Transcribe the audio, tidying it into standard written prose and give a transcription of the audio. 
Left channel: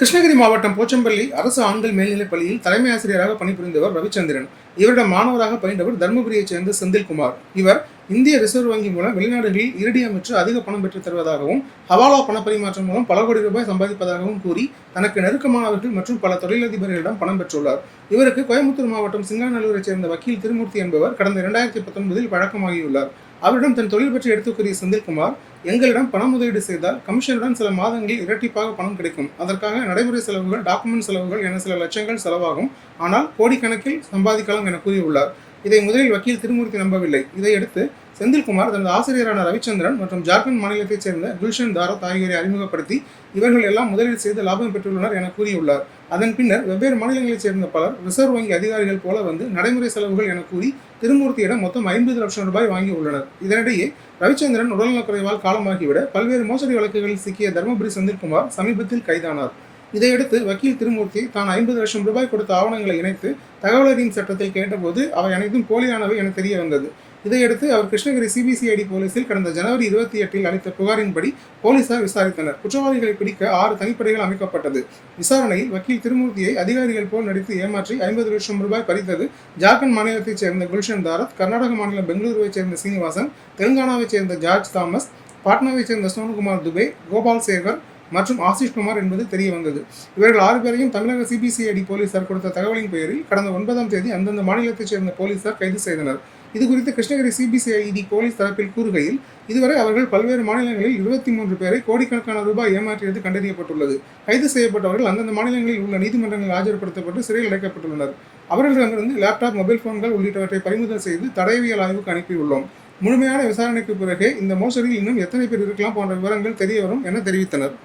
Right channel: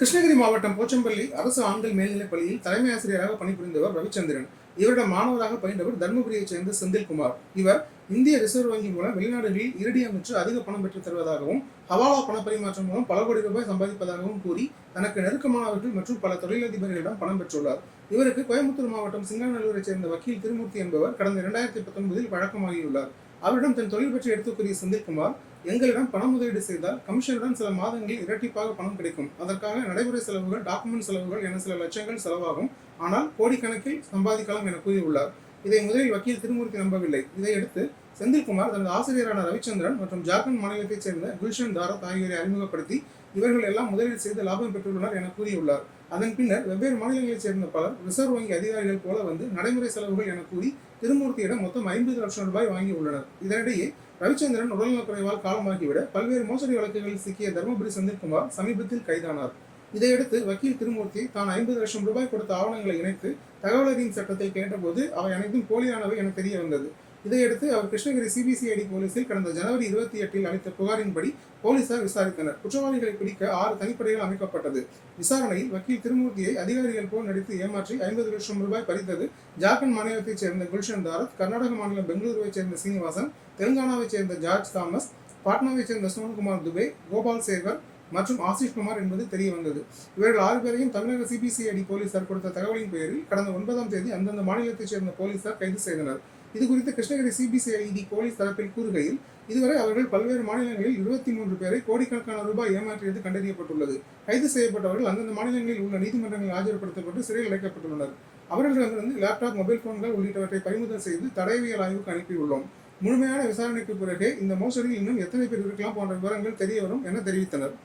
கிருஷ்ணகிரி மாவட்டம் போச்சம்பள்ளி அரசு ஆண்கள் மேல்நிலைப் பள்ளியில் தலைமை ஆசிரியராக பணிபுரிந்தவர் ரவிச்சந்திரன். இவரிடம் மாணவராக பயின்றவர் தருமபுரியைச் சேர்ந்த செந்தில்குமார். இவர் இந்திய ரிசர்வ் வங்கி மூலம் வெளிநாடுகளில் இரடியம் விற்று அதிக பணம் பெற்றுத் தருவதாகவும், ஹவாலா பணப்பரிமாற்றம் மூலம் பல கோடி ரூபாய் சம்பாதிப்பதாகவும் கூறி தனக்கு நெருக்கமானவர்கள் மற்றும் பல தொழிலதிபர்களிடம் பணம் பெற்றுள்ளார். இவருக்கு கோயம்புத்தூர் மாவட்டம் சிங்காநல்லூரைச் சேர்ந்த வக்கீல் திருமூர்த்தி என்பவர் கடந்த 2019 பழக்கமாகியுள்ளார். அவரிடம் தன் தொழில் பற்றி எடுத்துக் கூறிய செந்தில்குமார், எங்களிடம் பண முதலீடு செய்தால் கமிஷனுடன் சில மாதங்களில் இரட்டிப்பாக பணம் கிடைக்கும். அதற்காக நடைமுறை செலவுகள், டாக்குமெண்ட் செலவுகள் என சில லட்சங்கள் செலவாகும். ஆனால் கோடிக்கணக்கில் சம்பாதிக்கலாம் என கூறியுள்ளார். இதை முதலில் வக்கீல் திருமூர்த்தி நம்பவில்லை. இதையடுத்து செந்தில்குமார் தனது ஆசிரியரான ரவிச்சந்திரன் மற்றும் ஜார்க்கண்ட் மாநிலத்தைச் சேர்ந்த குல்ஷன் தாரத் ஆகியோரை அறிமுகப்படுத்தி இவர்கள் எல்லாம் முதலீடு செய்து லாபம் பெற்றுள்ளனர் என கூறியுள்ளார். அதன் பின்னர் வெவ்வேறு மாநிலங்களைச் சேர்ந்த பலர் ரிசர்வ் வங்கி அதிகாரிகள் போல வந்து நடைமுறை செலவுகள் என கூறி திருமூர்த்தியிடம் மொத்தம் 50 லட்சம் ரூபாய் வாங்கி உள்ளனர். இதனிடையே ரவிச்சந்திரன் உடல்நலக்குறைவால் காலமாகிவிட பல்வேறு மோசடி வழக்குகளில் சிக்கிய தருமபுரி செந்தில்குமார் சமீபத்தில் கைதானார். இதையடுத்து வக்கீல் திருமூர்த்தி தான் 50 லட்சம் ரூபாய் கொடுத்த ஆவணங்களை இணைத்து தகவல் அறியும் சட்டத்தில் கேட்டபோது அவை அனைத்தும் போலியானவை என தெரிய வந்தது. இதையடுத்து அவர் கிருஷ்ணகிரி சிபிசிஐடி போலீசில் கடந்த ஜனவரி 28 அளித்த புகாரின்படி போலீசார் விசாரித்தனர். குற்றவாளிகளை பிடிக்க 6 தனிப்படைகள் அமைக்கப்பட்டது. விசாரணையில் வக்கீல் திருமூர்த்தியை அதிகாரிகள் போல் நடித்து ஏமாற்றி 50 லட்சம் ரூபாய் பறித்தது ஜார்க்கண்ட் மாநிலத்தைச் சேர்ந்த குல்ஷன் தாரத், கர்நாடக மாநிலம் பெங்களூருவைச் சேர்ந்த சீனிவாசன், தெலுங்கானாவைச் சேர்ந்த ஜார்ஜ் தாமஸ், பாட்னாவைச் சேர்ந்த சோனுகுமார் துபே, கோபால் சேகர் மற்றும் ஆசிஷ் குமார் என்பது தெரிய வந்தது. இவர்கள் 6 பேரையும் தமிழக சிபிசிஐடி போலீசார் கொடுத்த தகவலின் பெயரில் கடந்த 9ஆம் தேதி அந்தந்த மாநிலத்தைச் சேர்ந்த போலீசார் கைது செய்தனர். இதுகுறித்து கிருஷ்ணகிரி சிபிசிஐடி போலீஸ் தரப்பில் கூறுகையில், இதுவரை அவர்கள் பல்வேறு மாநிலங்களில் 23 பேரை கோடிக்கணக்கான ரூபாய் ஏமாற்றியது கண்டறியப்பட்டுள்ளது. கைது செய்யப்பட்டவர்கள் அந்தந்த மாநிலங்களில் உள்ள நீதிமன்றங்களில் ஆஜர்படுத்தப்பட்டு சிறையில் அடைக்கப்பட்டுள்ளனர். அவர்களிடமிருந்து லேப்டாப், மொபைல் போன்கள் உள்ளிட்டவற்றை பறிமுதல் செய்து தடயவியல் ஆய்வுக்கு அனுப்பியுள்ளோம். முழுமையான விசாரணைக்கு பிறகே இந்த மோசடியில் இன்னும் எத்தனை பேர் இருக்கலாம் போன்ற விவரங்கள் தெரிய வரும் என தெரிவித்தனர்.